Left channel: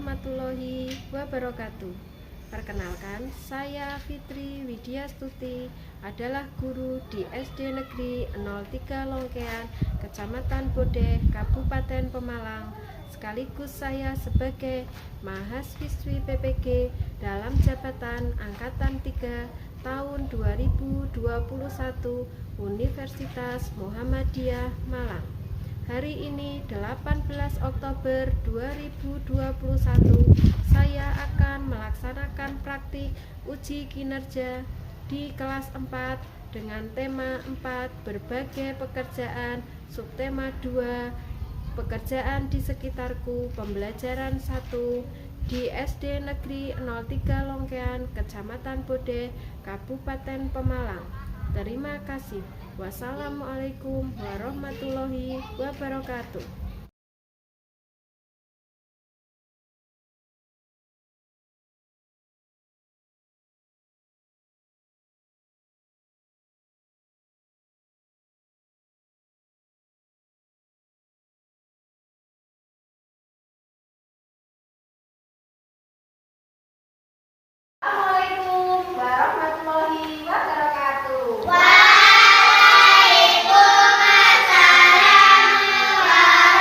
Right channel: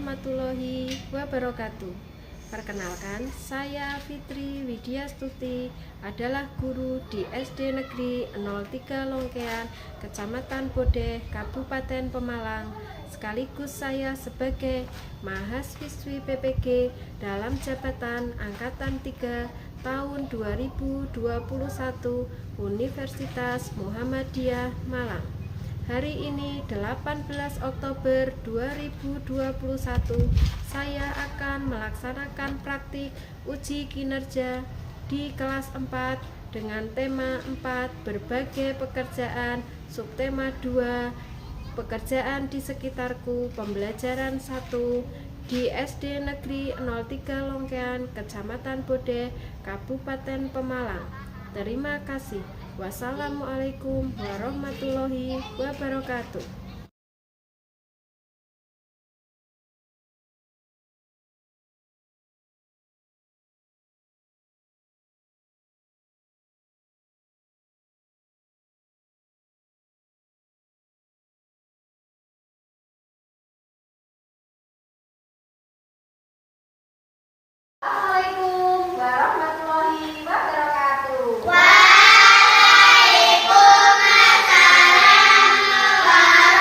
warahmatullahi wabarakatuh. Perkenalkan, saya Fitri Widyastuti, adalah guru di SD Negeri 03 Longkean, Kecamatan Bodeh, Kabupaten Pemalang. Sekaligus saya sebagai mahasiswi PPG dalam jabatan Angkatan 3 tahun 2021 Universitas Muhammadiyah Malang. Hari ini 18 Oktober 2021 saya akan melaksanakan praktik uji kinerja di kelas 4 dengan tema 4 berbagai pekerjaan, subtema 2 pekerjaan di sekitarku, pembelajaran 1 di SD Negeri 03 Longkean, Kecamatan Bodeh, Kabupaten Pemalang. Terima kasih. Wassalamualaikum warahmatullahi wabarakatuh. Assalamualaikum warahmatullahi wabarakatuh. Waalaikumsalam warahmatullahi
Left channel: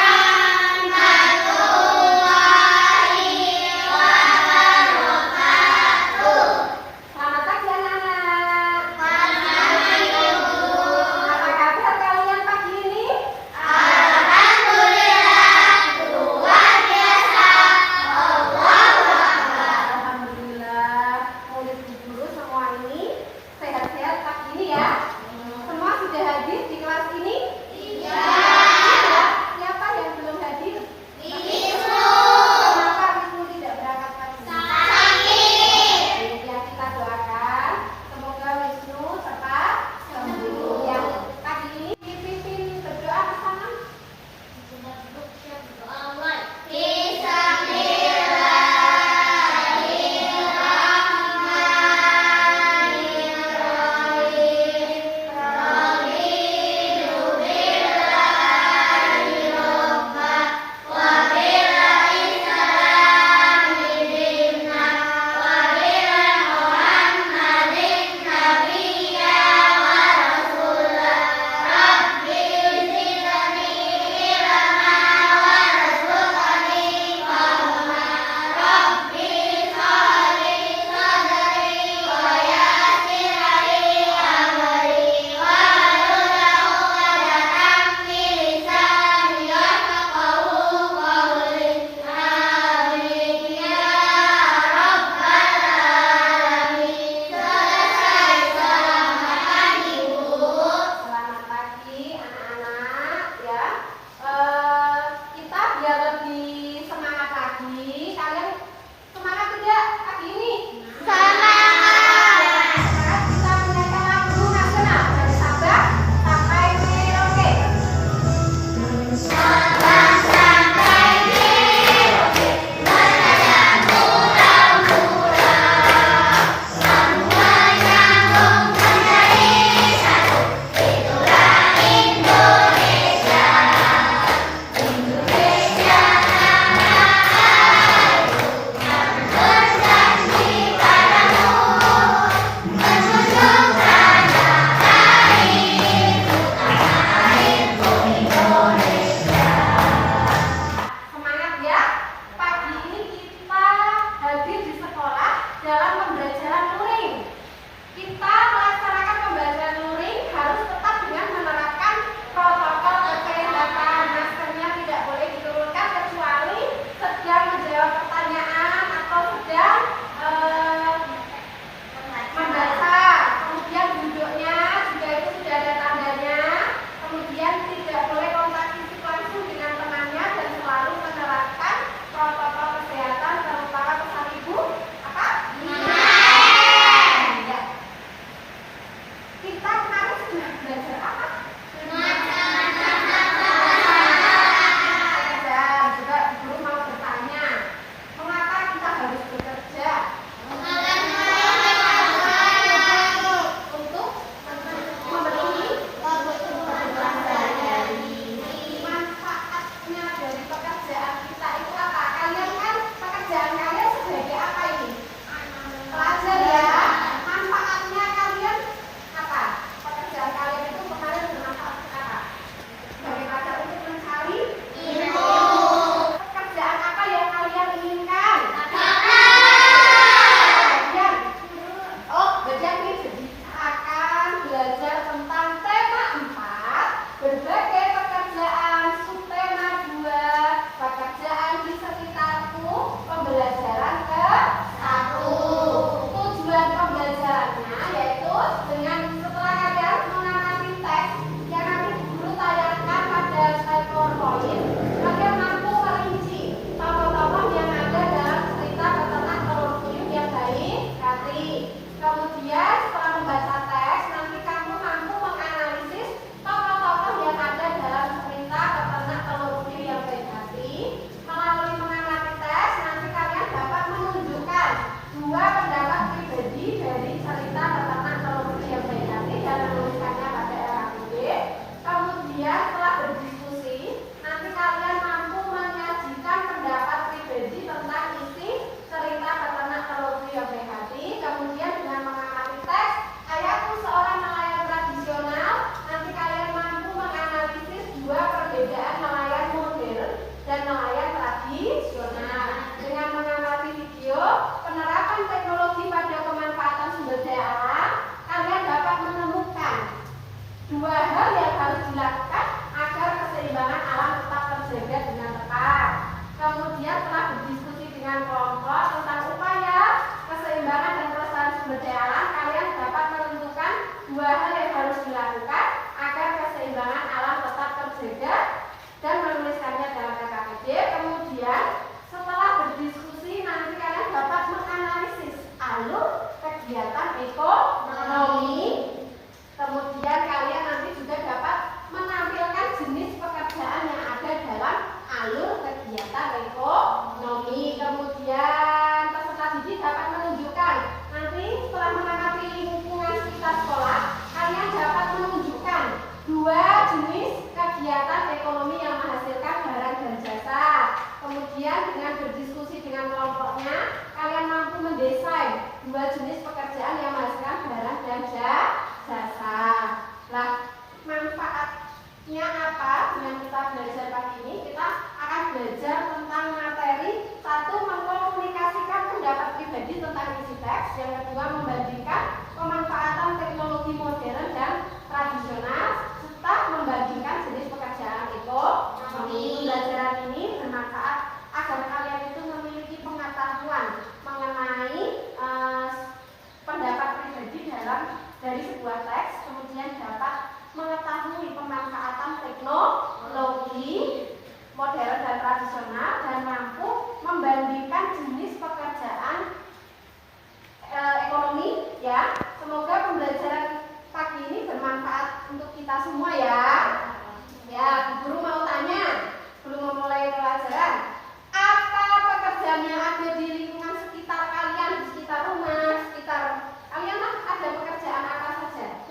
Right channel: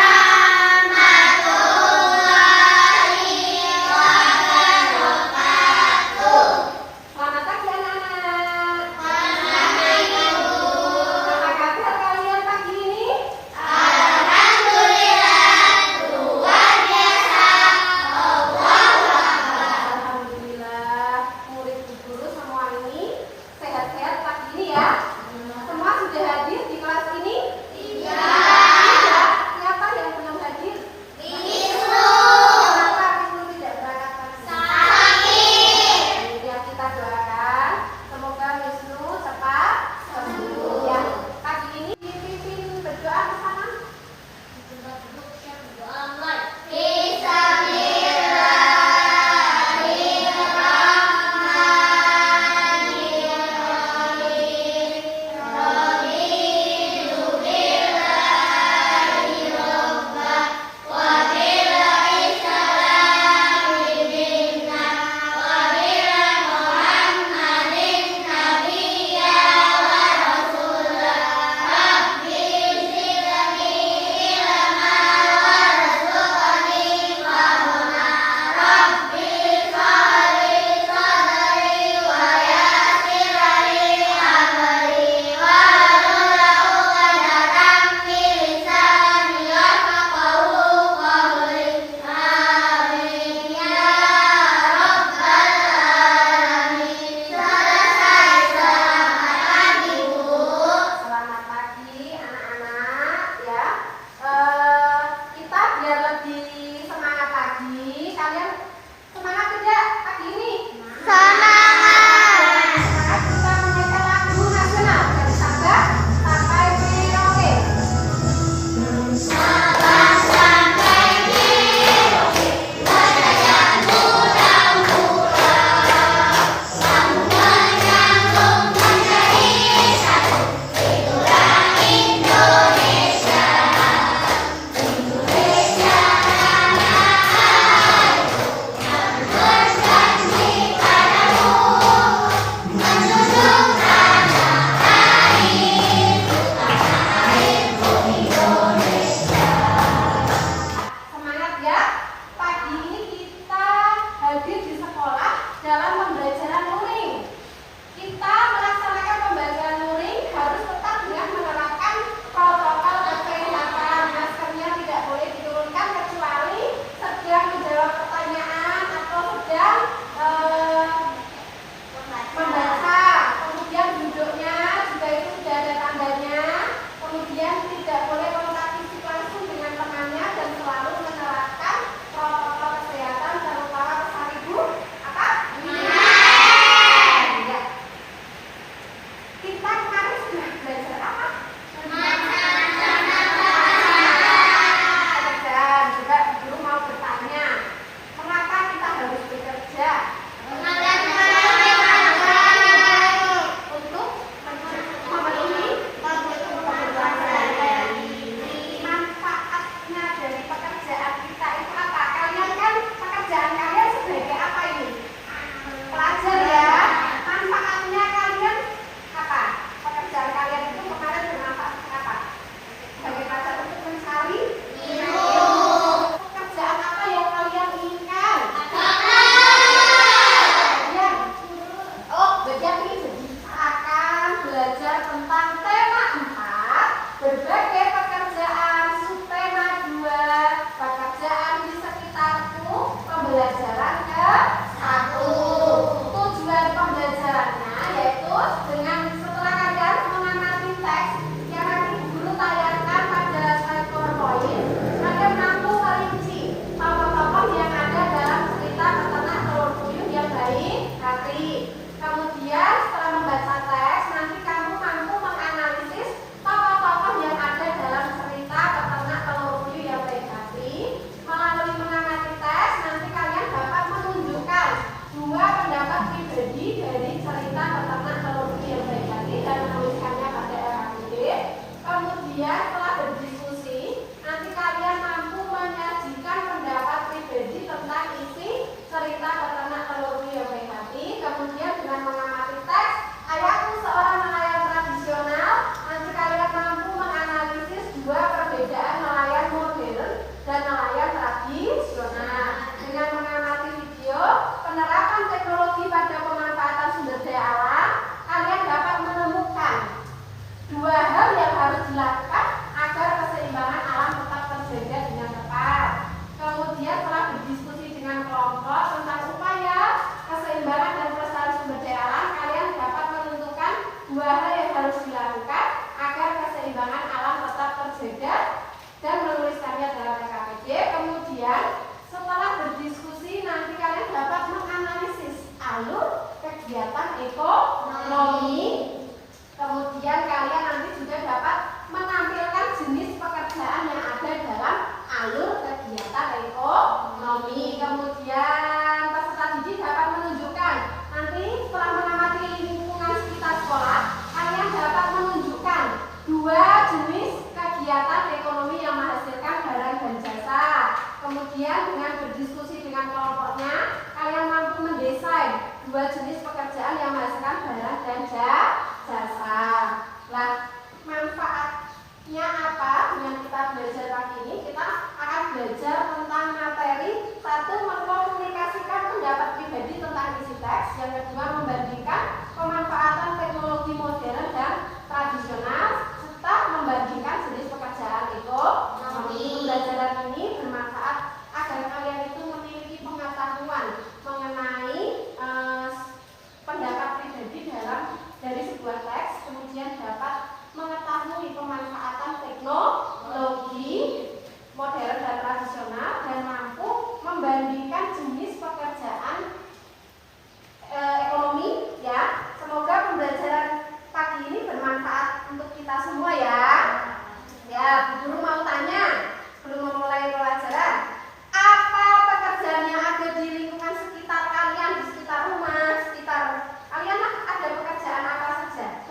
kemudian setelah berdiskusi nanti kalian dapat menganalisis alur kegiatan ekonomi. Kemudian kalian nanti juga dapat menampilkan jenis pekerjaan yang ada dalam alur kegiatan ekonomi. Kemudian peserta didik dapat menunjukkan nanti setelah mengamati lingkungan sekitar sekolah, kalian dapat menunjukkan 2 jenis kegiatan ekonomi yang menghasilkan barang dan jasa. Kemudian dengan berdiskusi dengan kelompoknya, kalian mampu mendesain 2 jenis pekerjaan yang menghasilkan barang dan jasa. Nah, manfaatnya apa yang kita belajar pagi ini? Kita akan belajar tentang materi 1, mengkomunikasikan pendapat pribadi tentang isi teks. Yang kedua, membandingkan pemanfaatan teknologi modern dan tradisional, serta membandingkan jenis pekerjaan ekonomi. Pembelajaran ini bermanfaat agar kalian itu memiliki pengetahuan mengenai pendapat pribadi dari sebuah teks, kemudian dapat mengetahui pemanfaatan teknologi modern dan tradisional, dan mampu membandingkan jenis pekerjaan ekonomi ya. Semoga pembelajaran pagi ini bermanfaat untuk kita semua ya. Ya, Bu Guru mau tanya sebelum memulai pelajaran, apa pekerjaan yang ada di lingkungan sekitar kalian, di sekitar rumah, sekitar kalian ada pekerjaan apa saja?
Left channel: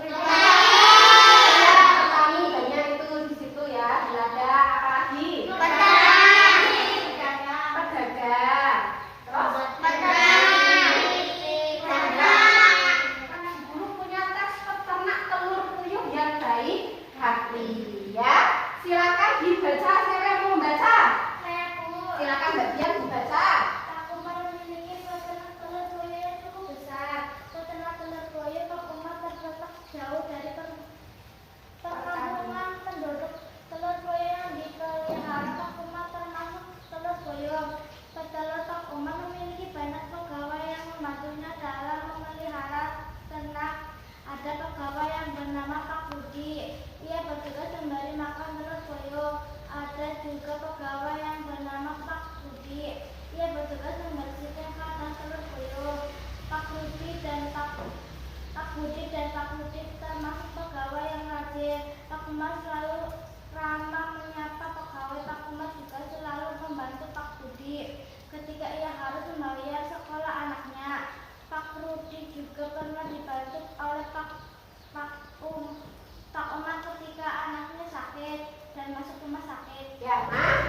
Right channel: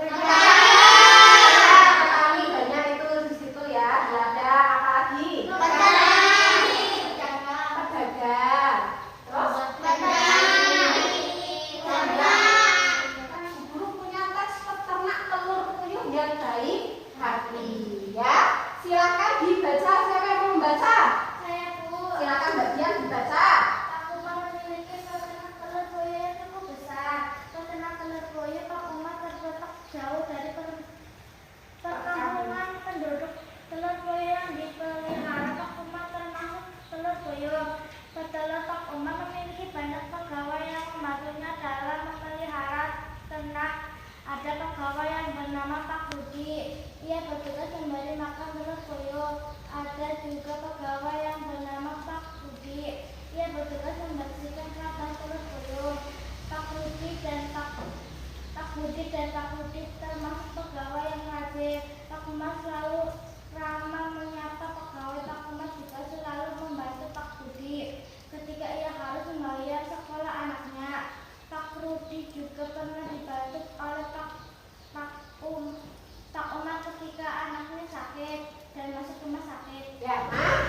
Petani banyak itu di situ ya. Ada apa lagi? Pedagang. Terus? Guru punya teks peternak telur puyuh yang baik hati ya. Silakan dibaca. Siapa yang mau membaca? Saya, Bu. Silakan Mbak Dian dibaca. Pak Umar memiliki peternak telur puyuh yang cukup besar. Peternak telur puyuh Pak Umar terletak jauh dari perkampungan penduduk. Telur puyuh yang dipelihara Pak Umar termasuk telur puyuh. Petelur Pak Umar memiliki banyak pegawai yang membantunya dalam memelihara ternak. Ada pegawai yang bernama Pak Budi. Ia bertugas memberi makan telur puyuh. Ada juga pegawai yang bernama Pak Budi. Ia bertugas membersihkan kandang telur puyuh. Pak Budi dan Pak Budi termasuk pegawai yang rajin. Pak Umar selalu ramah menyapa pegawai. Pak Umar juga selalu membantu Pak Budi ketika ia harus membayar sekolah anaknya. Pak Rudi juga pernah dibantu oleh Pak Umar ketika anaknya sakit dan masuk rumah sakit. Ya, Mas.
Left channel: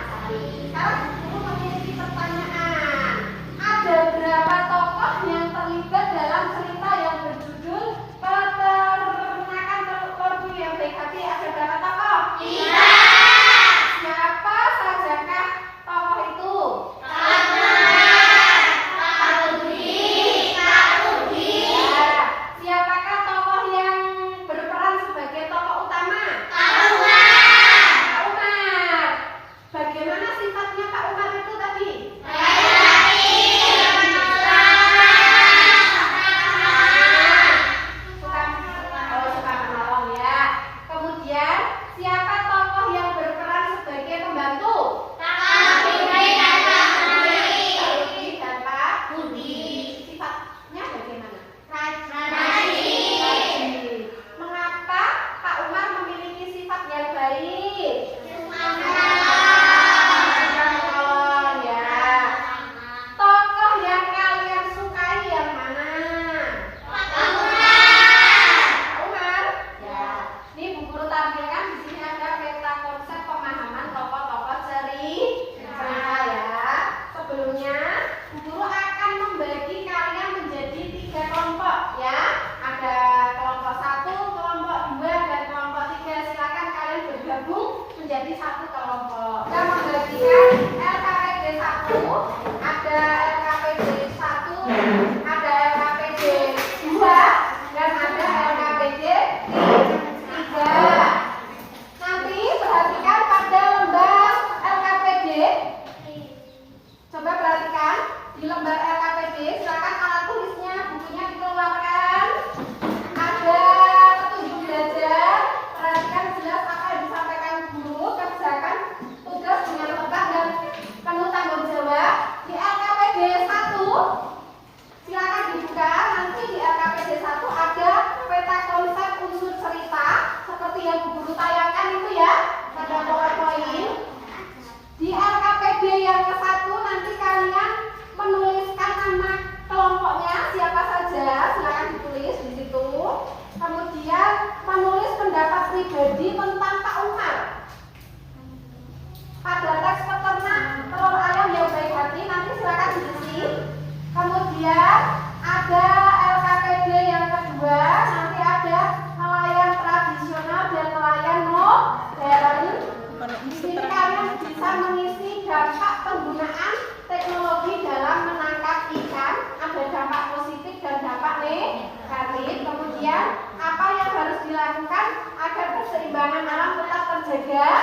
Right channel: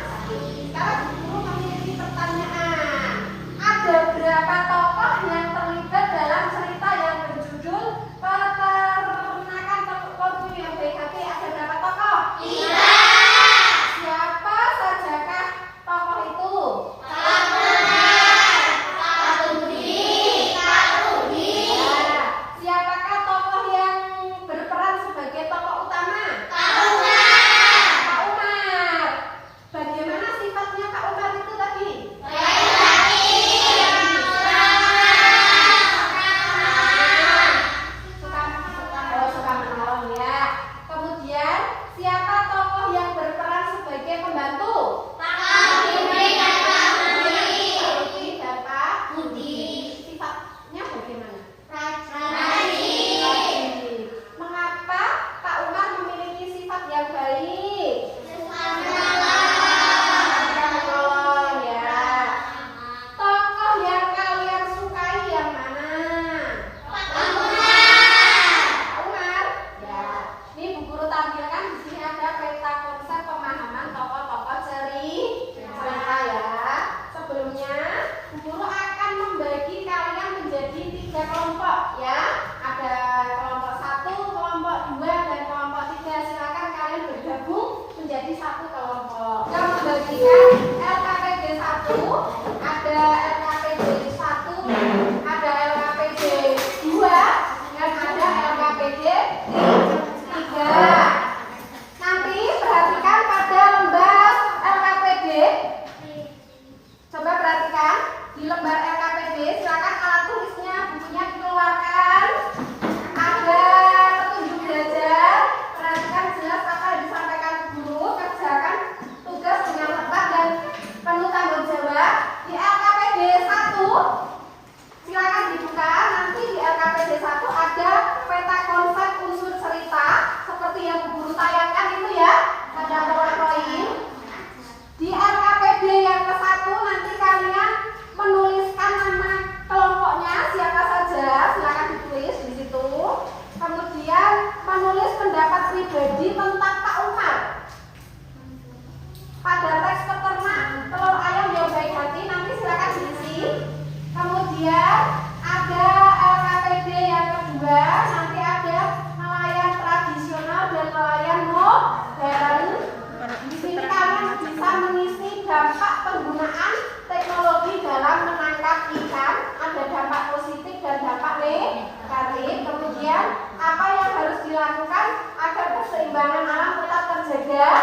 ketiga,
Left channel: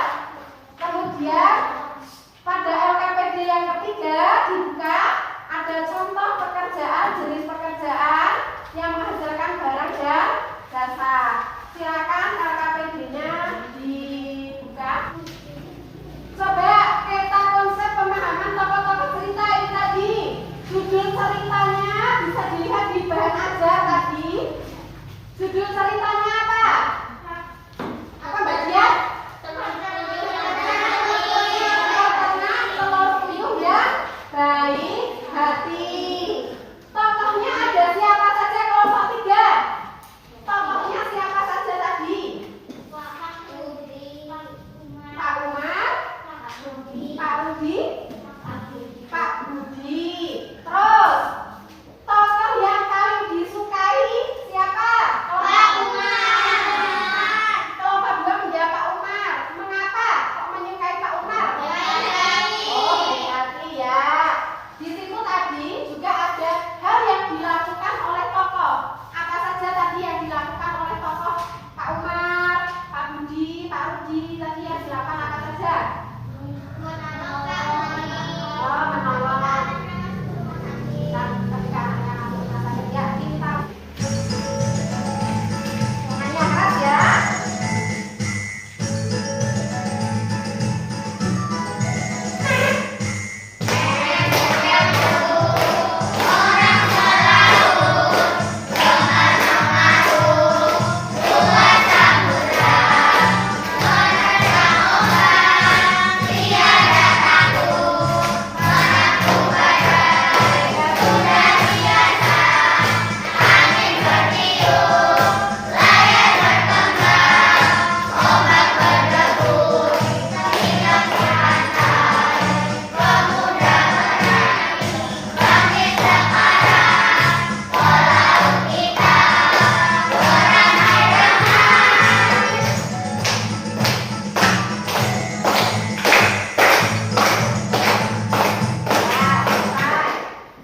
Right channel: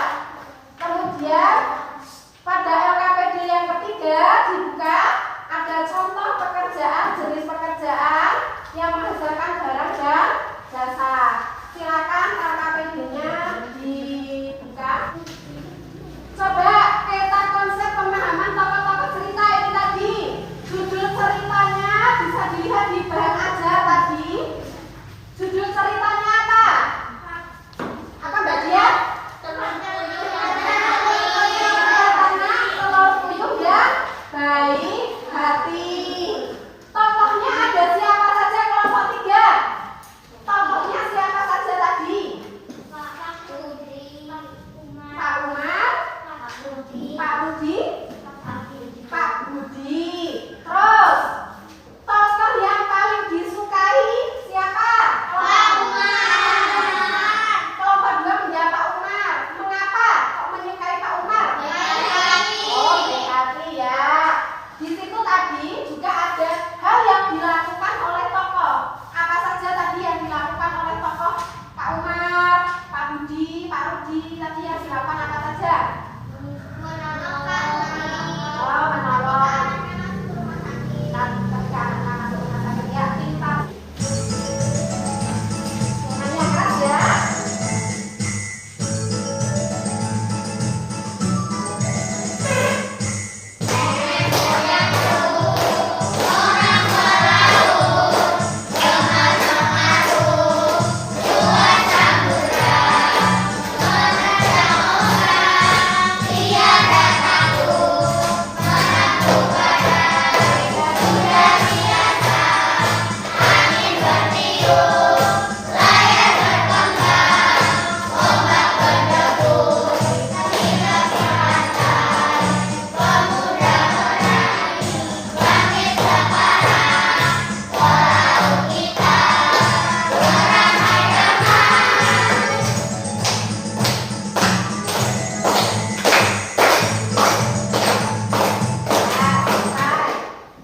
kemudian pada LKPD yang ketiga dibuka ada contoh pekerjaan, jenis pekerjaan yang menghasilkan barang dan jasa. Silakan LKPD-nya dibuka. Coba kita konsep pemahaman tokoh-tokoh cerita ini tadi. Judul ceritanya bisa dilihat di bahan ajar tadi. Judul ceritanya apa? Apa Mbak Dian? Ceritanya telur puyuh yang baik hati. Tokohnya ada siapa saja kelompok 3? Tokohnya siapa saja tadi? Pak Umar, Pak Rudi, Pak Budi. Terus tokoh yang paling disukai siapa? Pak Umar. Kelompok 2 menjawab Pak Umar. Mengapa kok menyukai Pak Umar? Oh, berarti ya. Di situ tadi juga ada hal yang dilakukan oleh tokoh. Apa saja tadi yang dilakukan oleh tokoh? Pak Umar, Pak Budi, Pak Rudi. Tadi yang dilakukan apa saja? Oh, menolong. Ketika anaknya masuk rumah sakit, ya pintar. Tangannya keras ya.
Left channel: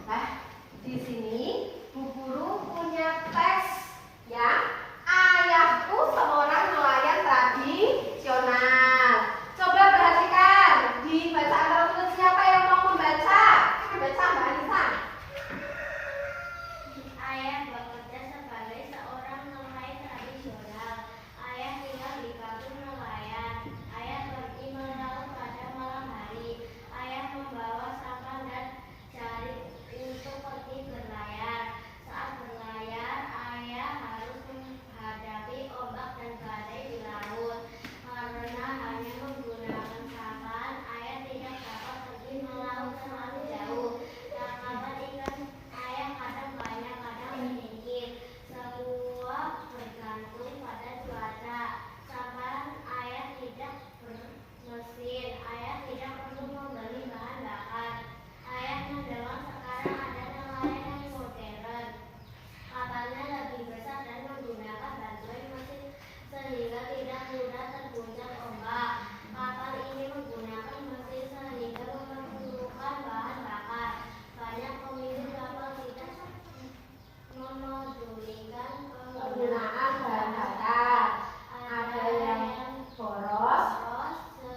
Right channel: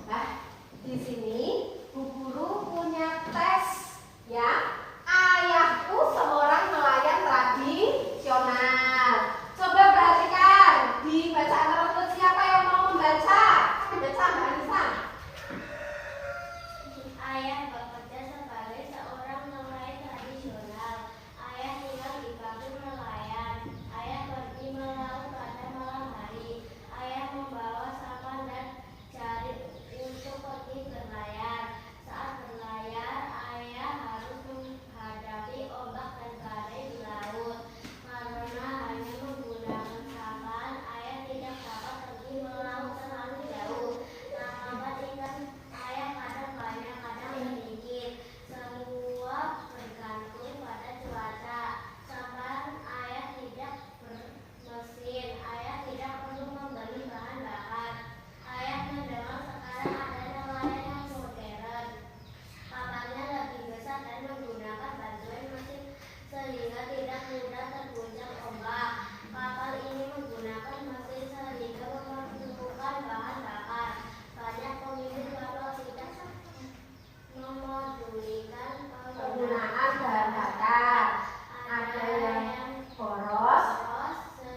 Nah, di sini Bu Guru punya teks ya. Ayahku seorang nelayan tradisional. Coba perhatikan di bacaan tersebut siapa yang mau membaca? Baca Mbak Anissa. Ayah bekerja sebagai seorang nelayan tradisional. Ayah tinggal di kampung nelayan. Ayah pergi melaut pada malam hari. Ayah membawa sampan dan jaring untuk pergi berlayar. Saat berlayar, ayah harus menghadapi ombak dan badai di laut. Karena hanya menggunakan sampan, ayah tidak dapat pergi melaut terlalu jauh. Tangkapan ikan ayah kadang banyak, kadang sedikit. Semua bergantung pada cuaca. Sampan ayah tidak bermesin. Ayah tidak perlu membeli bahan bakar. Ayah mendengar sekarang ada nelayan yang modern. Kapalnya lebih besar dan menggunakan bantuan mesin sehingga tidak mudah terguncang ombak. Kapal ini menggunakan mesin sehingga memerlukan bahan bakar. Banyak pemilik kapal tidak memodulikan Penggunaan bahan bakar. Ada yang boros.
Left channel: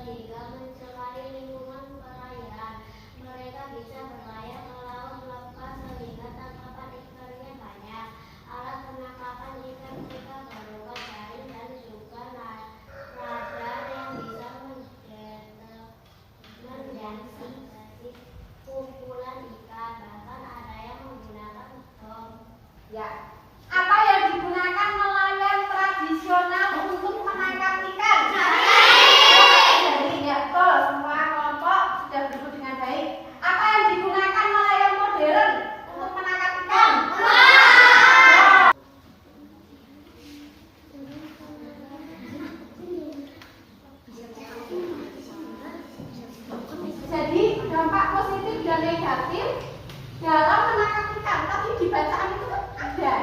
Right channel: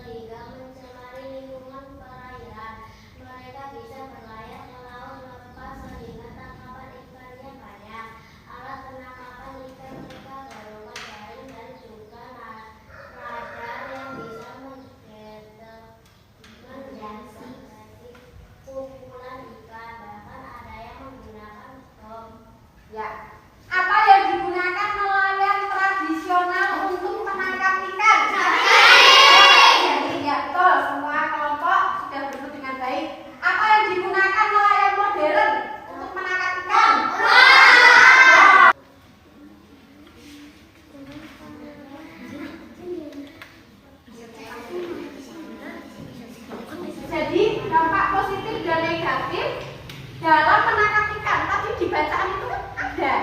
sehingga mencemari lingkungan perairan. Mereka bisa berlayar melaut lepas sehingga tangkapan ikannya banyak. Alat penangkapan ikan mereka berupa jaring dan juga radar yang bisa mendeteksi kumpulan ikan. Bahkan ada yang menggunakan bom. Ya. Apa yang digunakan nelayan tradisional untuk menangkap ikan? Jaring. Ya, betul. Semua kelompok sudah berebut dengan baik. Apa yang digunakan nelayan modern untuk menangkap ikan? Jadi dampak positif dan negatif dalam menangkap ikan. Tapi di bacaan itu kan ada,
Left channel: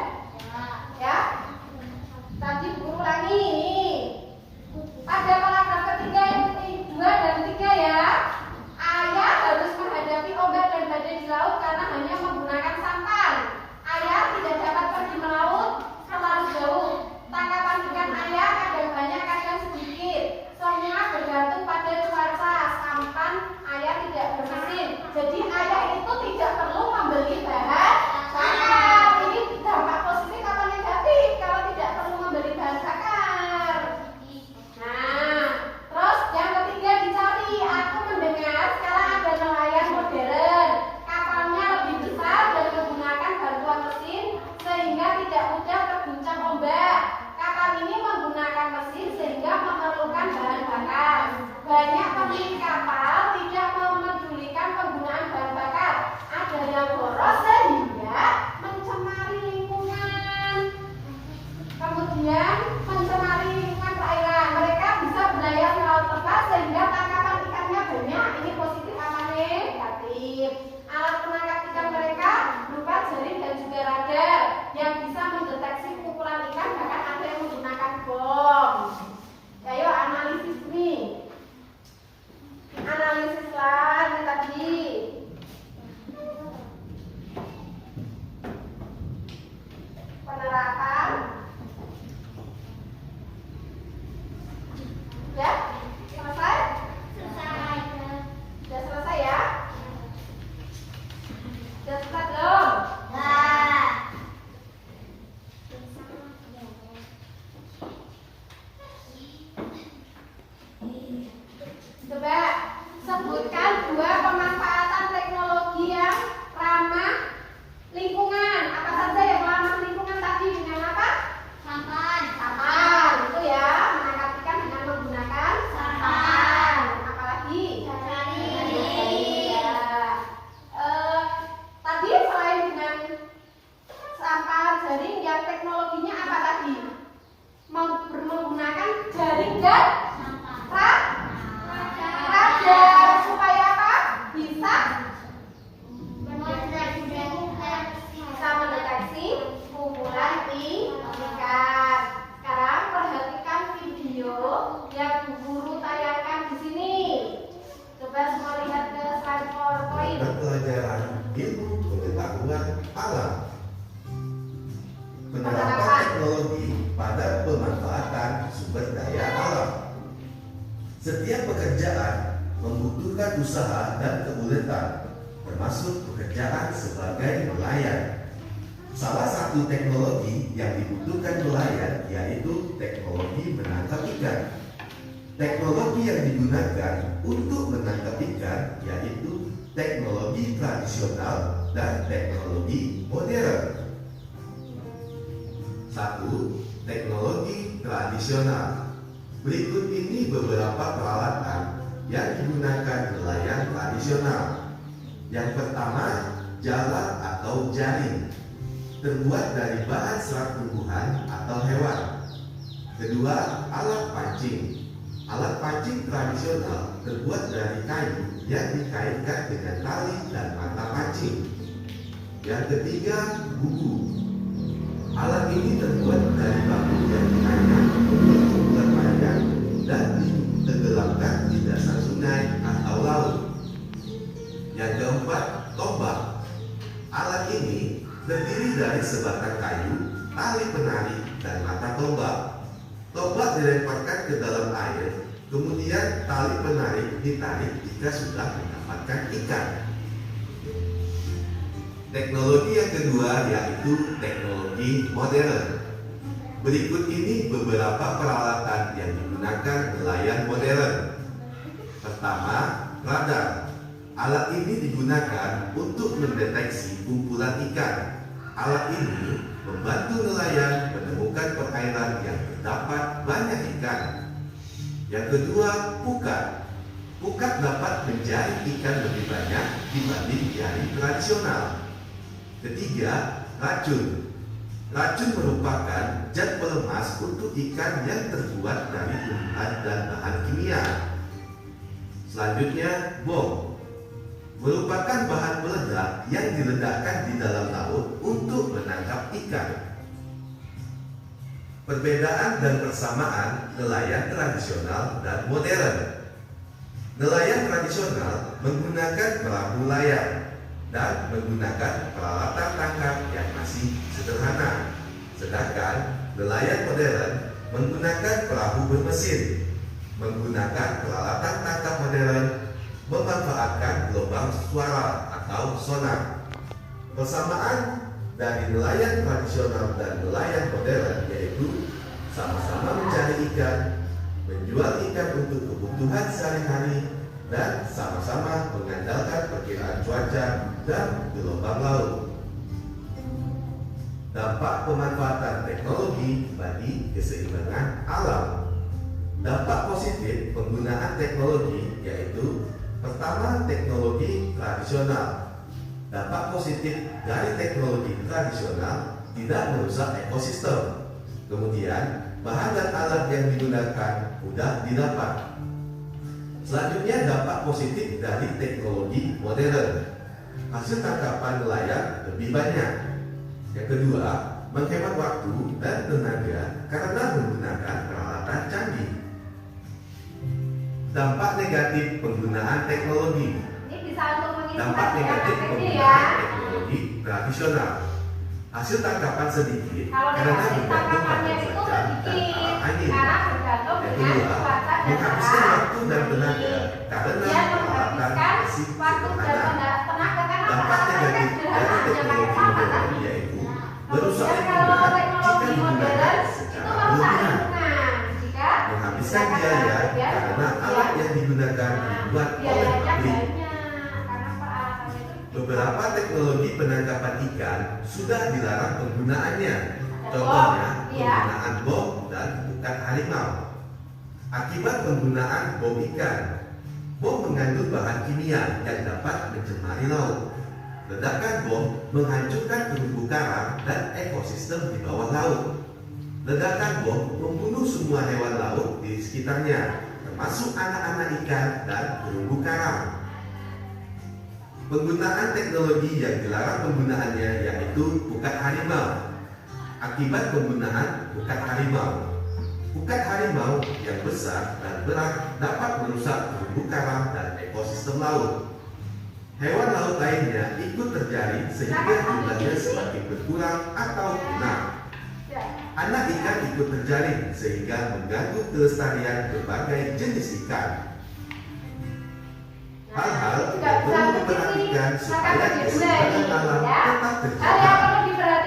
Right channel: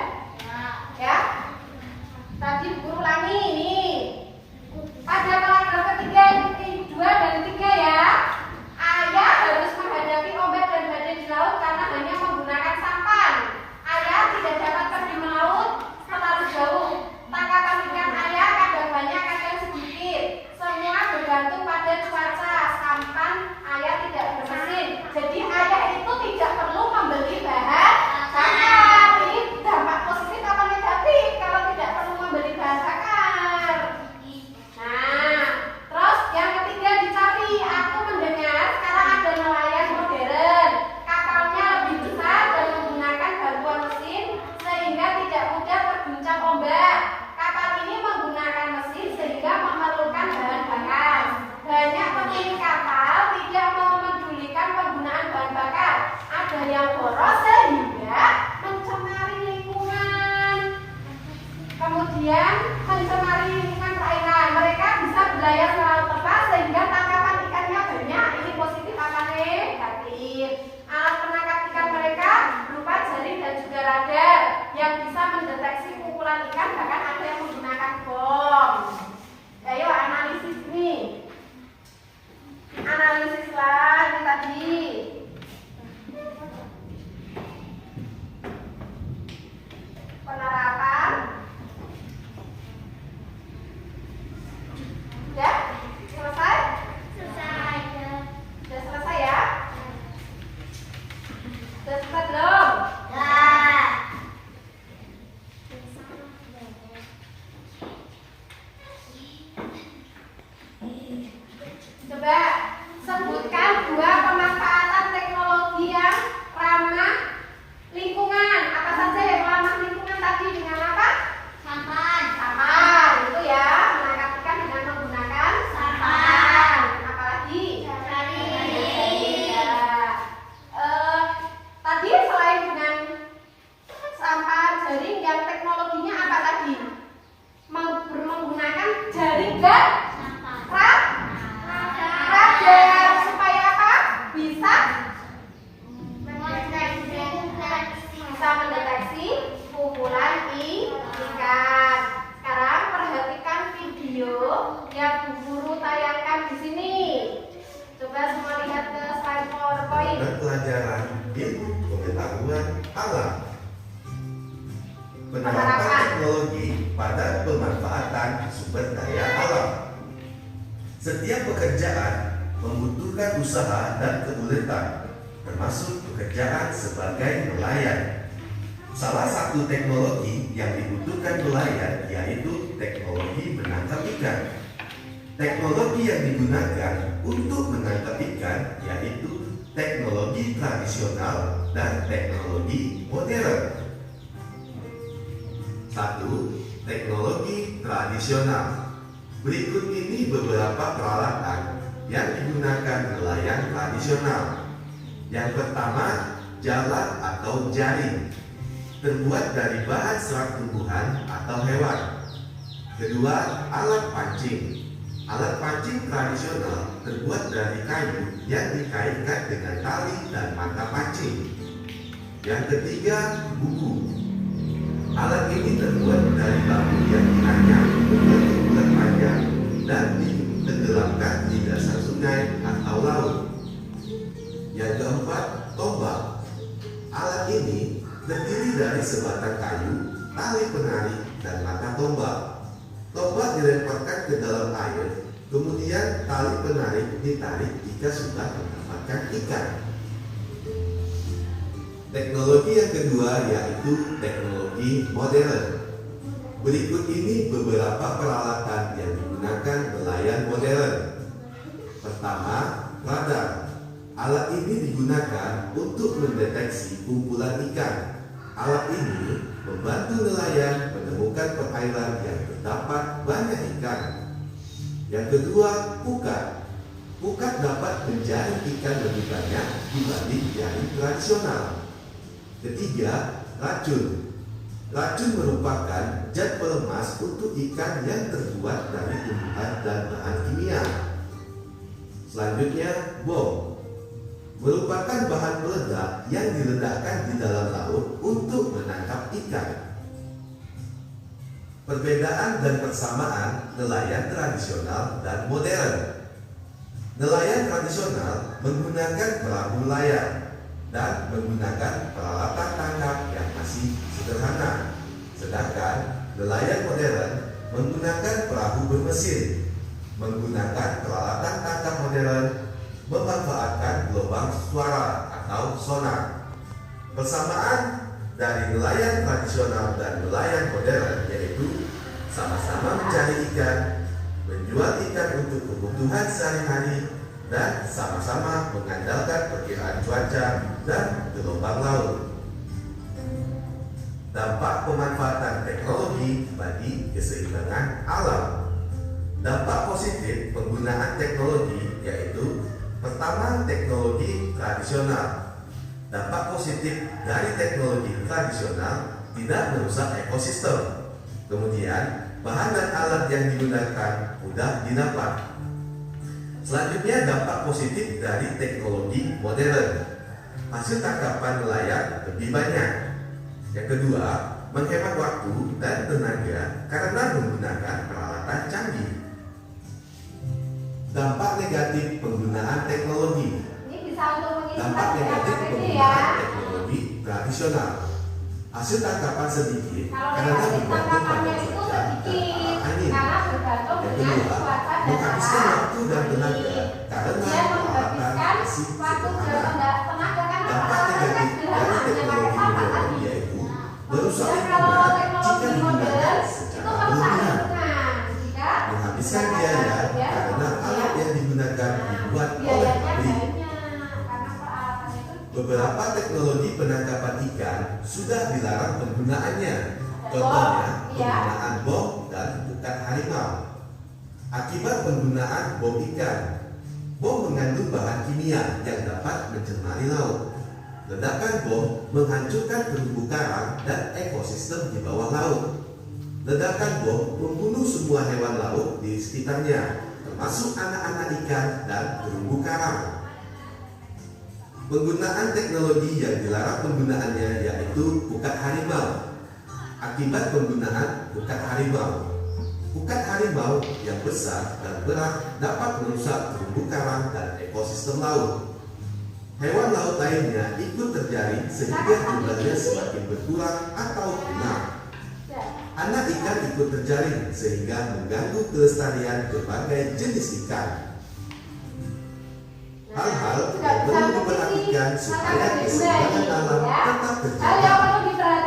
ya. Tadi Bu Guru ulangi ini. Pada paragraf ketiga, 2 dan 3 ya. Ayah harus menghadapi ombak dan badai di laut karena hanya menggunakan sampan. Ayah tidak dapat pergi melaut terlalu jauh. Tangkapan ikan ayah kadang banyak, kadang sedikit. Semua pada pemanfaatan sumber daya alam. Setiap pekerjaan membutuhkan usaha dan keuletan, termasuk pekerjaan sebagai nelayan. Salah satu teknologi yang dibutuhkan nelayan yaitu teknologi menangkap ikan. Teknologi yang digunakan untuk menangkap ikan yaitu teknologi tradisional dan teknologi modern. 1. Teknologi tradisional. Berikut ini beberapa peralatan yang digunakan nelayan tradisional. Yang pertama, jalan atau jaring, terbuat dari bahan serat tumbuhan atau hewan. Kedua, alat pancing. Alat pancing tradisional terbuat dari kayu yang dikaitkan dengan tali dan mata pancing. Yang ketiga, buku. Alat ini terbuat dari bambu yang dianyam berbentuk bulat panjang dan ditenggelamkan di dasar sungai atau laut. Yang keempat, tombak. Alat ini terdiri dari sebatang kayu, tali penarik, dan mata tombak. Tombak dilemparkan ke dalam air, kemudian tali penarik ditarik jika sudah mendapatkan ikan. Teknologi yang kedua yaitu teknologi modern. Berikut ini beberapa peralatan yang digunakan nelayan modern. Pertama, radar. Alat ini digunakan untuk mendeteksi kumpulan ikan. Alat ini membantu nelayan menemukan perairan yang terdapat banyak ikan. Yang kedua, pukat. Pukat dapat menjaring ikan lebih banyak dibanding jaring tradisional. Ketiga, racun. Racun merupakan zat pelemas untuk ikan yang terbuat dari tumbuhan dan bahan kimia. Selanjutnya, bom. Merupakan bahan peledak yang diledakkan di dalam laut untuk menangkap ikan. Perbedaan dan persamaan nelayan tradisional dan modern. Nelayan tradisional menggunakan perahu layar dan menggunakan peralatan tangkap yang masih sederhana. Sedangkan nelayan modern menggunakan perahu bermesin, menggunakan peralatan tangkap modern, memanfaatkan gelombang suara atau sonar. Persamaan dari nelayan tradisional dan nelayan modern yaitu sama-sama mencari ikan, menjual ikan untuk kebutuhan sehari-hari, dan sama-sama mengandalkan perkiraan cuaca dan gelombang laut. Dampak pemanfaatan teknologi bagi keseimbangan alam. Dampak positif penggunaan teknologi yaitu pertama, teknologi tradisional. Dampak positif dari teknologi tradisional tidak merusak ekosistem. Kemudian, bahan dan alat yang digunakan mudah didapat. Selanjutnya, dampak positif dari teknologi modern. Hasil tangkapan nelayan lebih banyak. Yang kedua, menghemat waktu dan tenaga karena menggunakan peralatan canggih. Dampak negatif penggunaan teknologi. Dampak negatif penggunaan teknologi tradisional. Hasil tangkapan sedikit karena bergantung pada cuaca dan arah angin. Yang kedua, menghabiskan waktu dan tenaga karena peralatan masih sederhana. Dampak negatif dari teknologi modern yaitu merusak lingkungan jika digunakan secara berlebihan. Menghabiskan biaya karena alat yang digunakan dibuat oleh pabrik. Beberapa teknologi penangkapan ikan sudah dilarang penggunaannya. Contohnya penggunaan bom dan pukat harimau. Akibat penggunaan bom ikan, bom mengandung bahan kimia yang dapat mencemari laut. Ledakan bom menghancurkan terumbu karang dan ekosistem di bawah laut. Ledakan bom membunuh semua hewan laut di sekitarnya, termasuk anak-anak ikan dan terumbu karang. Penggunaan teknologi yang dilarang penggunaannya yaitu pukat harimau. Akibat penggunaan pukat harimau yang besar dan berat dapat merusak terumbu karang dan ekosistem laut. Hewan laut lainnya ikut terjaring sehingga jumlahnya semakin berkurang atau punah. anak ikan ikut terjaring sehingga mengganggu kelestarian berbagai jenis ikan. Hal-hal yang perlu diperhatikan supaya keseimbangan alam tetap terjaga.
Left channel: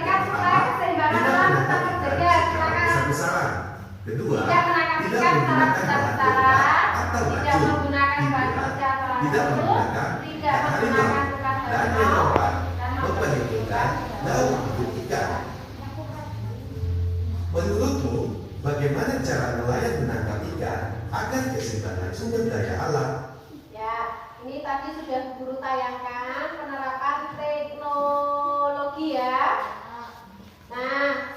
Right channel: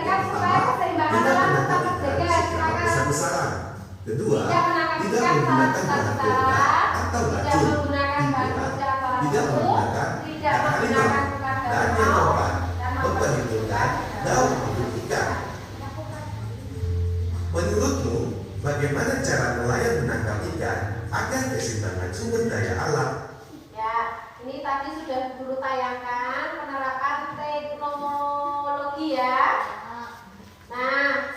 Pertama, tidak menangkap ikan secara besar-besaran. Kedua, tidak menggunakan bahan peledak atau racun. Tiga, tidak menggunakan ikan harimau. Dan yang keempat, memperhitungkan daun hidup ikan. Menurutmu, bagaimana cara nelayan menangkap ikan agar keseimbangan sumber daya alam? Ini tadi sudah guru tayangkan penerapan teknologi ya. Nah,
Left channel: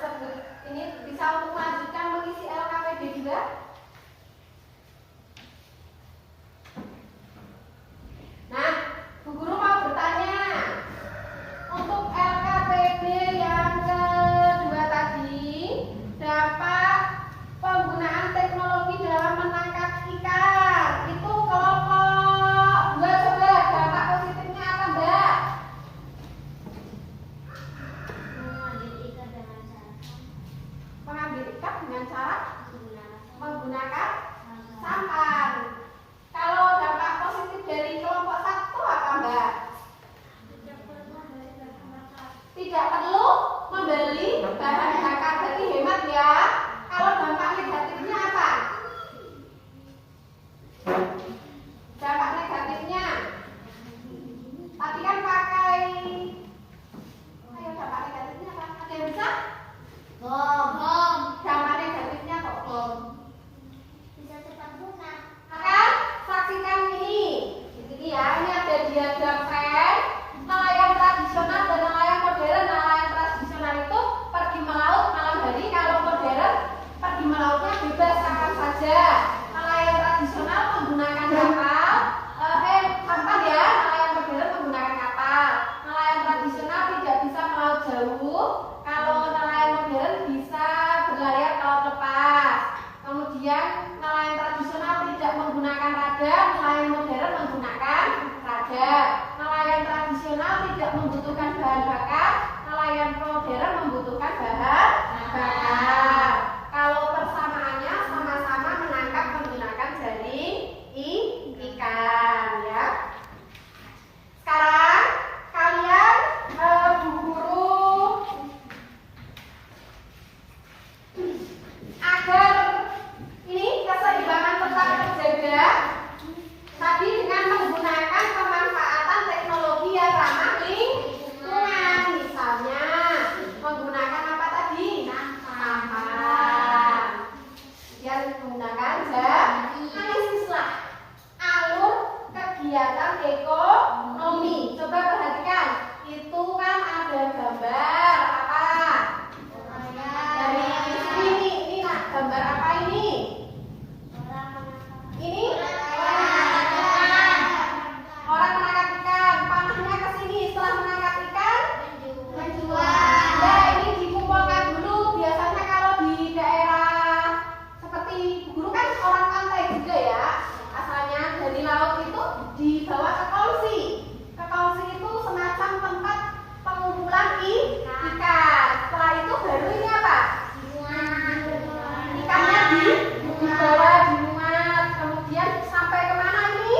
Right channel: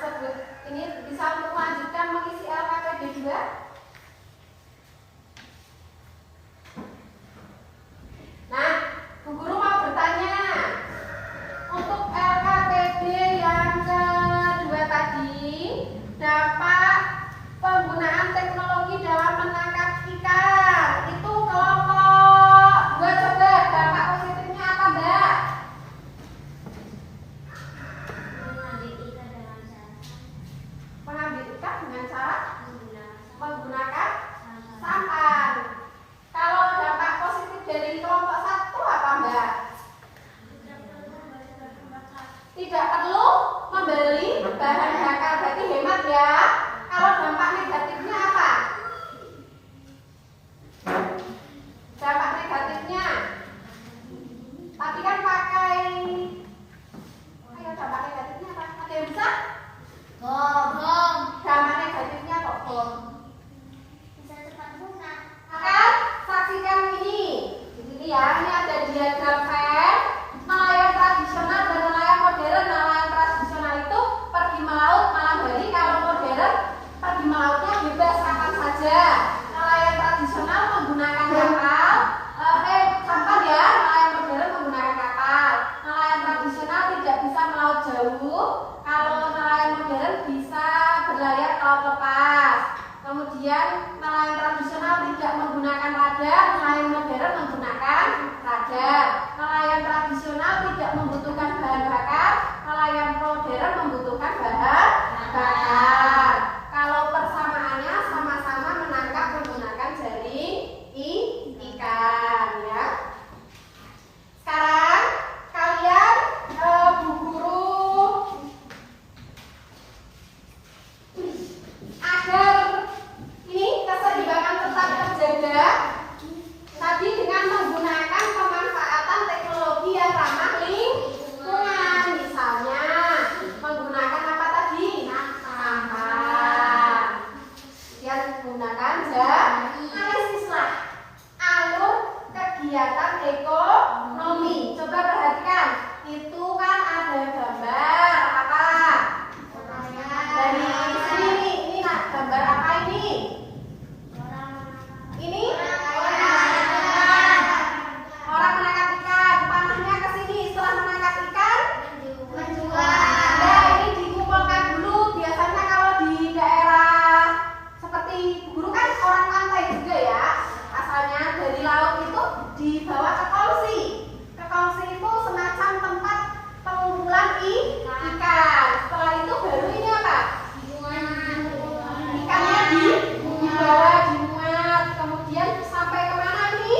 ini bisa untuk melanjutkan mengisi LKPD juga. Nah, Bu Guru mau bertanya, untuk LKPD yang kedua tadi, dampak penggunaan teknologi dalam menangkap ikan itu kelompok 2 coba dampak positifnya apa Mbak? Mengambil ikan dengan cara menggunakan sampan. Kalau dampak positif dari kelompok 1 apa Mbak? Tidak perlu membeli bahan bakar, berarti hemat ya. Kalau dampak negatifnya apa? Dampak negatifnya tadi kan pakai, ayo dampak negatifnya apa? Ada yang bisa? Bom. Dampak negatifnya kok bom? Bisa cepat punah. Akan saksikan ini. Di sini ya, ini ada diagram pen. Nelayan tradisional dan nelayan modern. Nelayan tradisional itu pergi melaut malam hari. Kalau modern pergi melautnya bebas kapan saja. Nelayan tradisional menggunakan kapal, sampan ya. Nelayan modern menggunakan kapal. Nelayan tradisional tidak bisa melaut jauh. Kalau nelayan modern bisa berlayar ke laut lepas. Kemudian nelayan tradisional tidak menggunakan radar, nelayan modern menggunakan radar. Nelayan tradisional tidak membutuhkan bahan bakar, nelayan modern membutuhkan bahan bakar. Kalau persamaannya sama-sama menangkap menggunakan jaring ikan ya. Sekarang kalian Bu Guru agar ini keseimbangan tetap terjaga tadi dengan menggunakan pemanfaatan teknologi yang ramah lingkungan, misalnya menggunakan apa tadi? Sampan. Kemudian menggunakan analisislah alur kegiatan ekonomi. Coba perhatikan, itu kan ada gambar apa? Dari sini ini gambar apa ini? Ini orang menangkap ikan. Panahnya ke sini. Setelah menangkap ikan menjual. Nah, ini dikumpulkan dulu. Biasanya kalau di daerah seperti Guru kan orang pantai juga ya. Asalnya dari laut itu dibawa ke kongsi. Ke kongsi itu semacam tempat pengumpulan ikan. Setelah itu baru ini apa? Ikannya dibawa, dimuat, kemudian sampai kemana ini?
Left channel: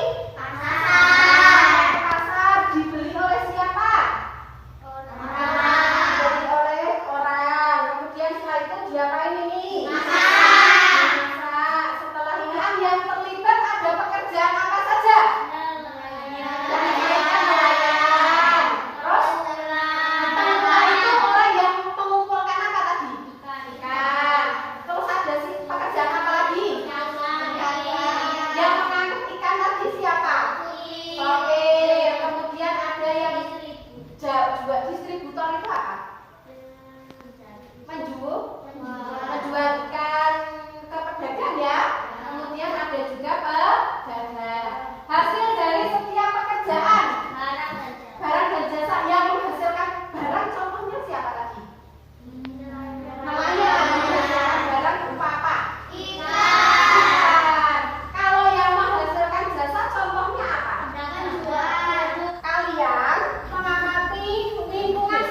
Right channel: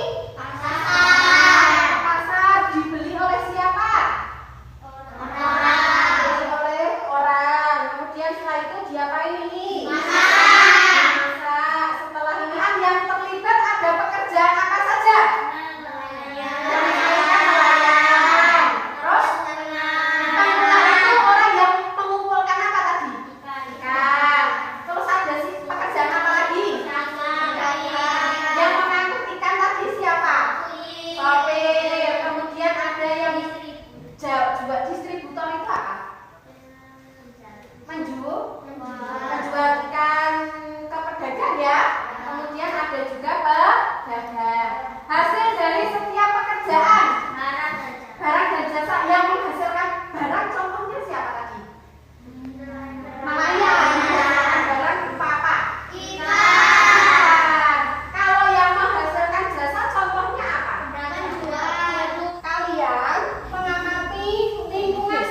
Pasar. Dibeli oleh siapa? Dibeli oleh orang. Kemudian setelah itu diapain ini? Dimasak. Setelah ini kan yang terlibat ada pekerjaan apa saja? Nelayan. Terus pengumpul itu orang yang mengumpulkan apa tadi? Ikan. Terus ada sih pekerjaan apa lagi? Yang mengangkut ikan tadi siapa? Sopir. Kemudian ada yang juga distributor itu apa? Menjual ikan ke pedagang ya. Kemudian ada juga pedagang. Hasil dari setiap pekerjaan barang dan jasa yang menghasilkan barang, contohnya siapa tadi? Nelayan. Menghasilkan barang berupa apa? Ikan. Kalau yang menghasilkan jasa contohnya apa? Kalian mengamati lingkungan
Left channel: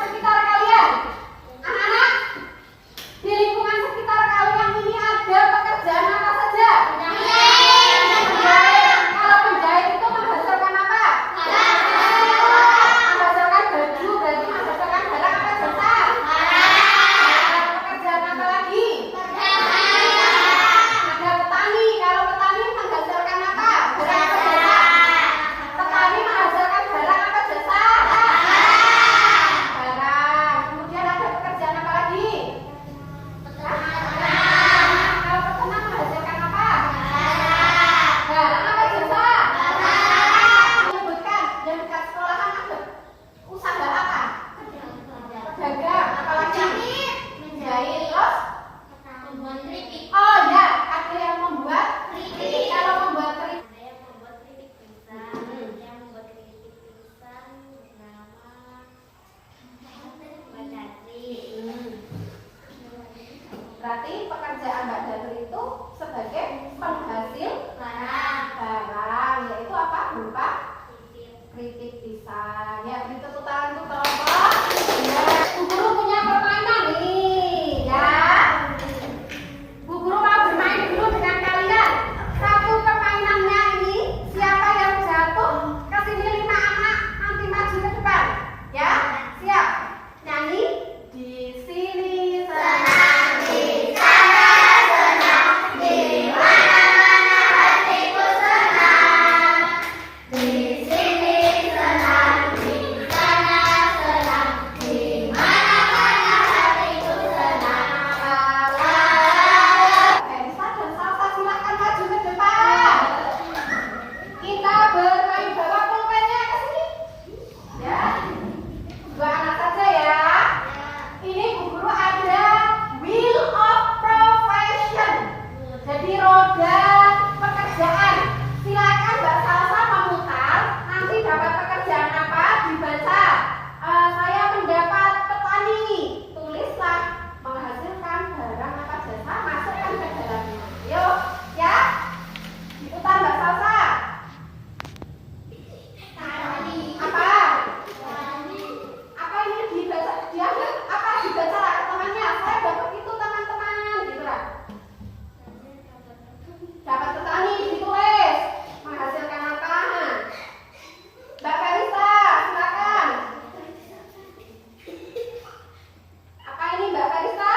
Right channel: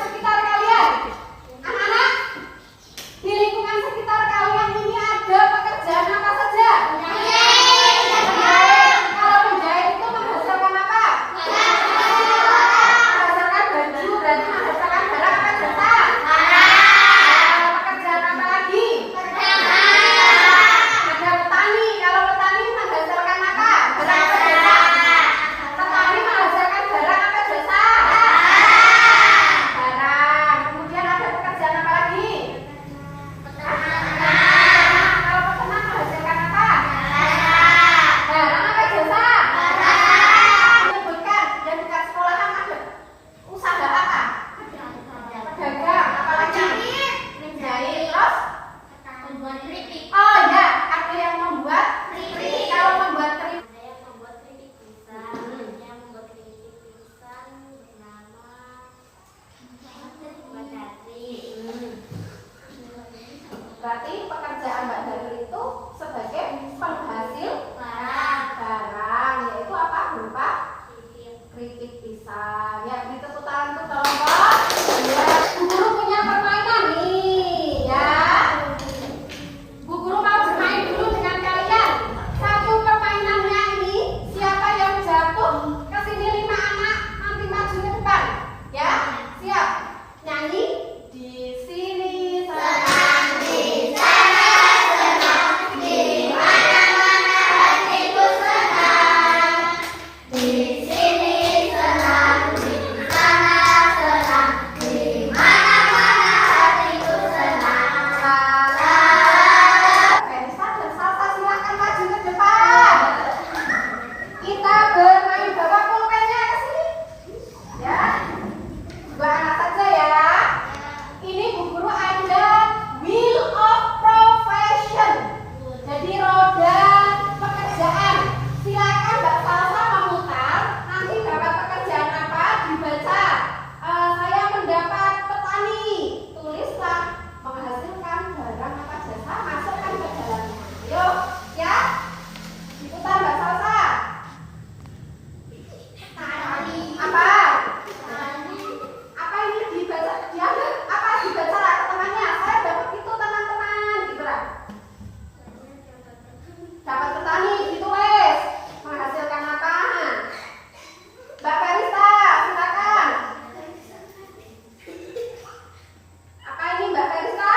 bisa. Ya, beri tepuk tangan untuk kelompok. Ya, Bu Guru punya permainan nih, ya. Bu Guru mau bermain dulu dengan kalian. Satu permainannya ini, siapa yang jatuh ke sini 5 anak nanti maju ke depan. Ya, siap. Nyanyi. Di sini senang, di sana senang, di mana-mana hatiku senang. Di sini senang, di sana senang, di mana-mana hatiku senang. Verisa dan Salsa silakan maju ke depan. Kita bermain, bawa pulpennya ke sini. Ya, 2 anak saja ya. Ini Bu Guru ada wheel of profession. Jadi roda pekerjaan. Silakan Mbak Salsa memutar. Nanti dapat pekerjaan apa? Dibaca. Saya mendapat petani. Tulislah menghasilkan barang apa jasa. Masukkan ke dalamnya. Ayo, ya. Diputar Mbak Salsa. Apa? Apa ini dibaca? Dia apa dibaca lah ke temannya? Saya dapat itu teman-teman, gitu lah. Dapat petani, ditulis menghasilkan apa? Mbak Verisa, silakan. Apa ini Mbak Verisa?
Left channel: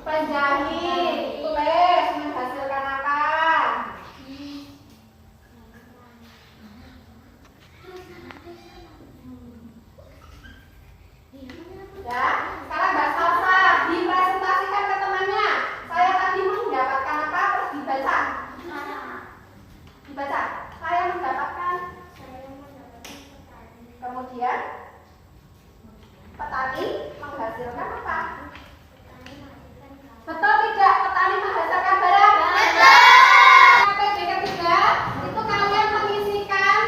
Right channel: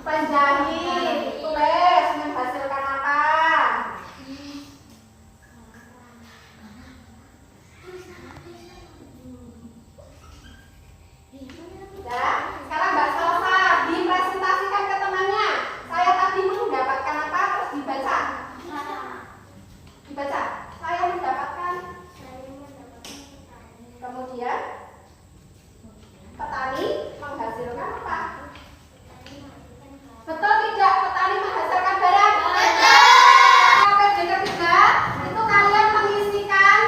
Penjahit, tulis menghasilkan apa? Ya, sekarang Mbak Salsa dipresentasikan ke temannya. Saya tadi mendapatkan apa? Terus dibaca. Dibaca. Saya mendapatkan. Kemudian petani menghasilkan apa? Betul tidak? Petani menghasilkan barang? Betul. KPD ketiga itu kalian mengisikan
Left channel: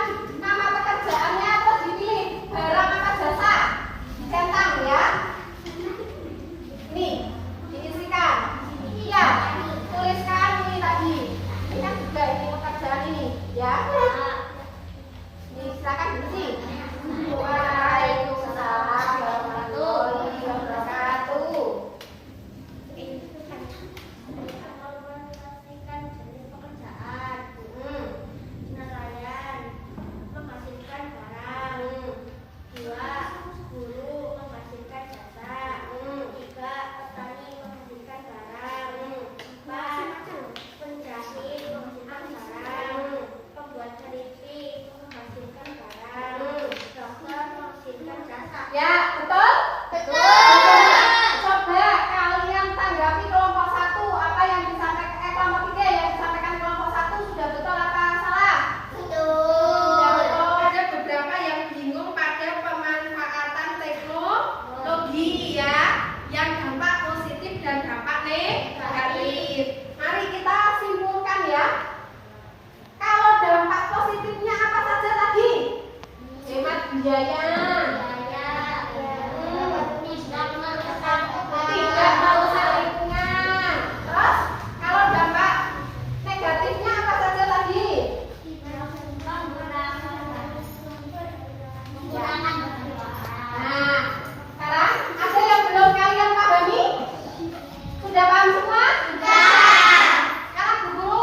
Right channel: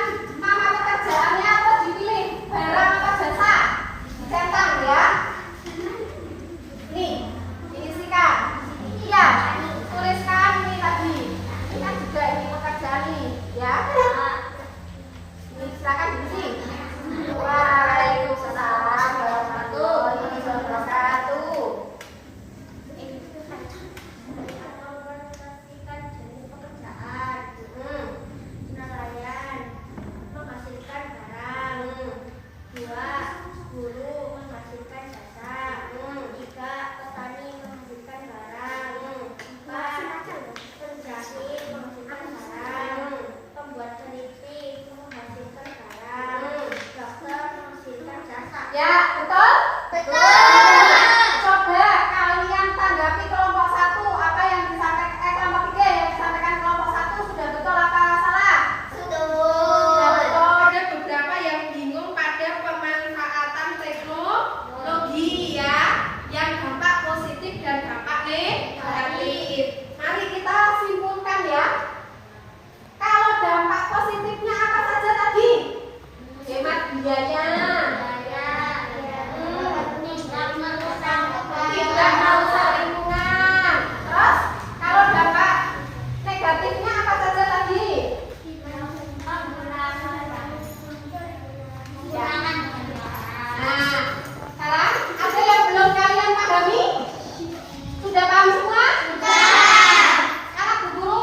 nama pekerjaannya terus dipilih barang apa jasa. Centang ya. Nih, diisikan. Iya, tuliskan ini tadi. Ini kan juga ini pekerjaan ini, ya. Ini silakan diisi. Waalaikumsalam warahmatullahi wabarakatuh. Nelayan menghasilkan barang. 2. Guru menghasilkan jasa. 3. Petani menghasilkan barang. 4. Penjahit menghasilkan barang. Pembuat keripik menghasilkan barang. Dokter menghasilkan jasa. Ya, betul? Betul. Coba kalian tanggapi kelompok 1 apa yang disampaikan kelompok 3 yang disampaikan kelompok 1 sudah betul apa salah? Sudah betul. Ada beberapa yang bingung pada pemanfaatan teknologi ya, yang dampak positif dan dampak negatif. Mari kita simpulkan ya. Kalau dampak positifnya apa saja tadi? Hemat biaya. Tidak merusak lingkungan. Terus kalau dampak negatifnya apa saja tadi? Nah, sekarang ada yang belum kalian pahami? Sudah paham semua? Sudah. Sekarang Bu Guru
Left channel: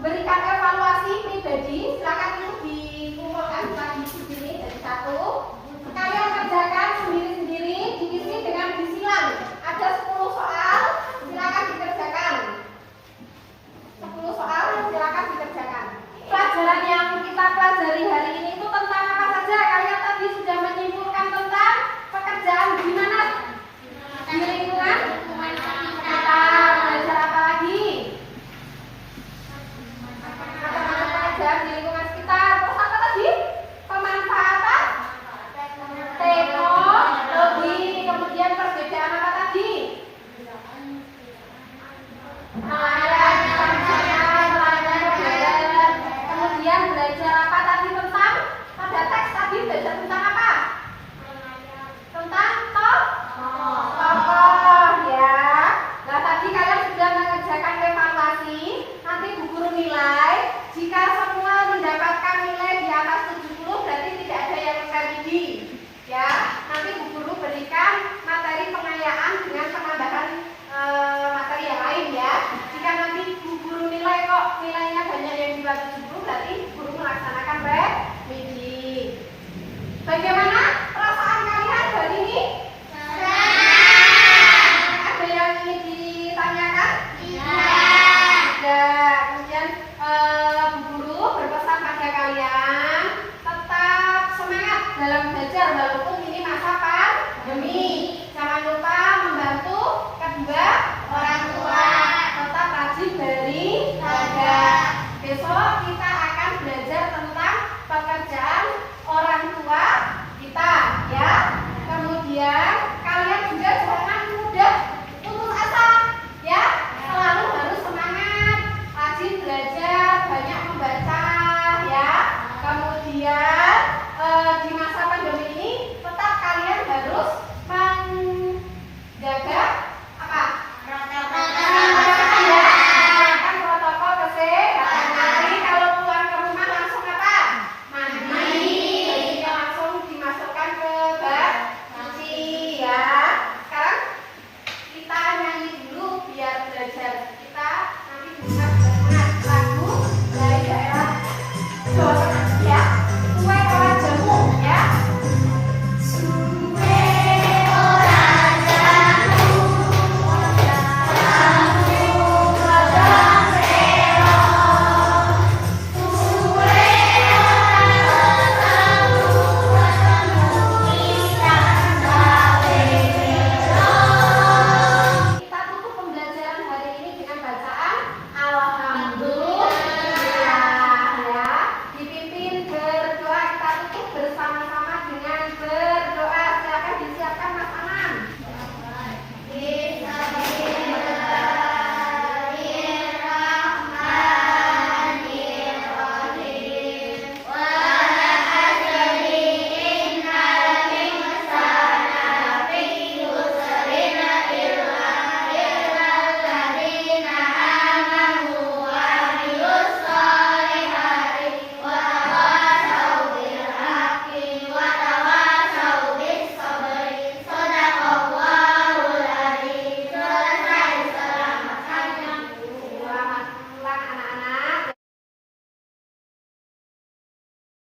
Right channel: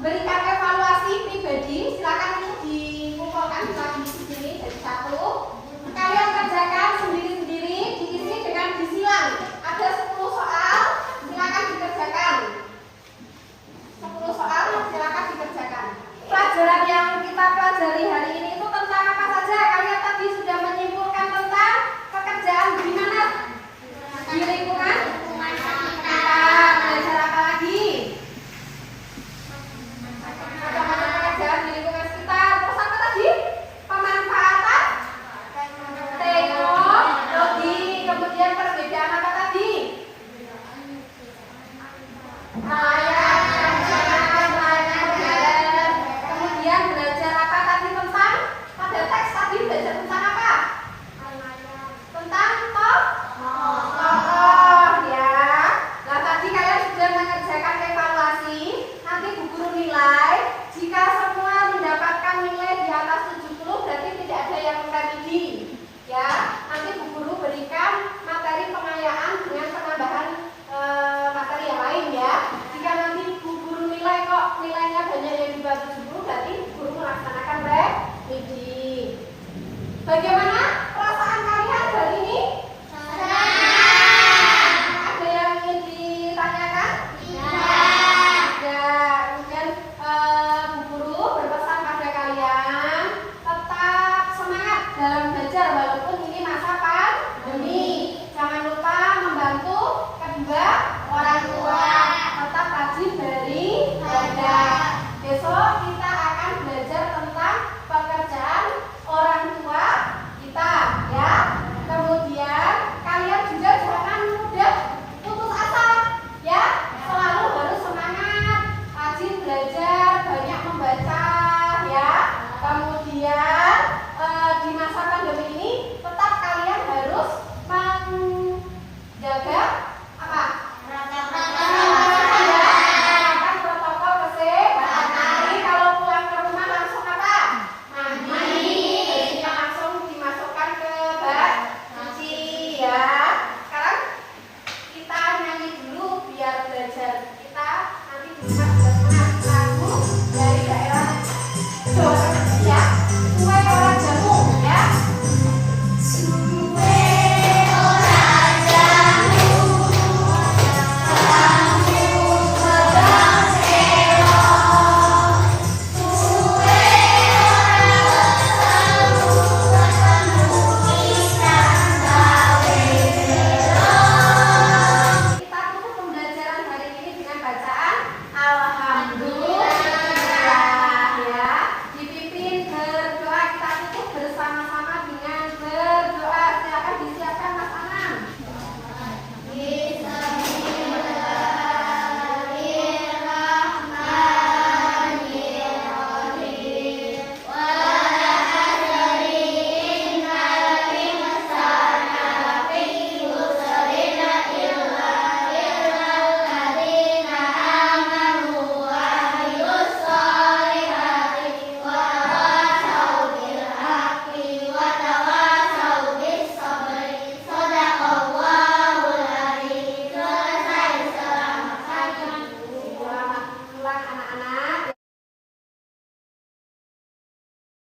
berikan evaluasi pribadi. Silakan itu dikumpulkan lagi di sini. Bagaimana perasaan kalian hari ini? Ada yang ingin ditanyakan? Tidak. Kemudian Bu Guru berpesan pada kalian tetap semangat dalam belajar walaupun ini masa pandemi. Jangan lupa membantu kedua orang tua. Tetap rajin beribadah. Besok kita akan belajar tentang pekerjaan orang tua kita, ya. Kemudian kalian juga jangan mudah putus asa, ya. Selalu harus semangat, rajin belajar, banyak membaca, ya. Kemudian di masa pandemi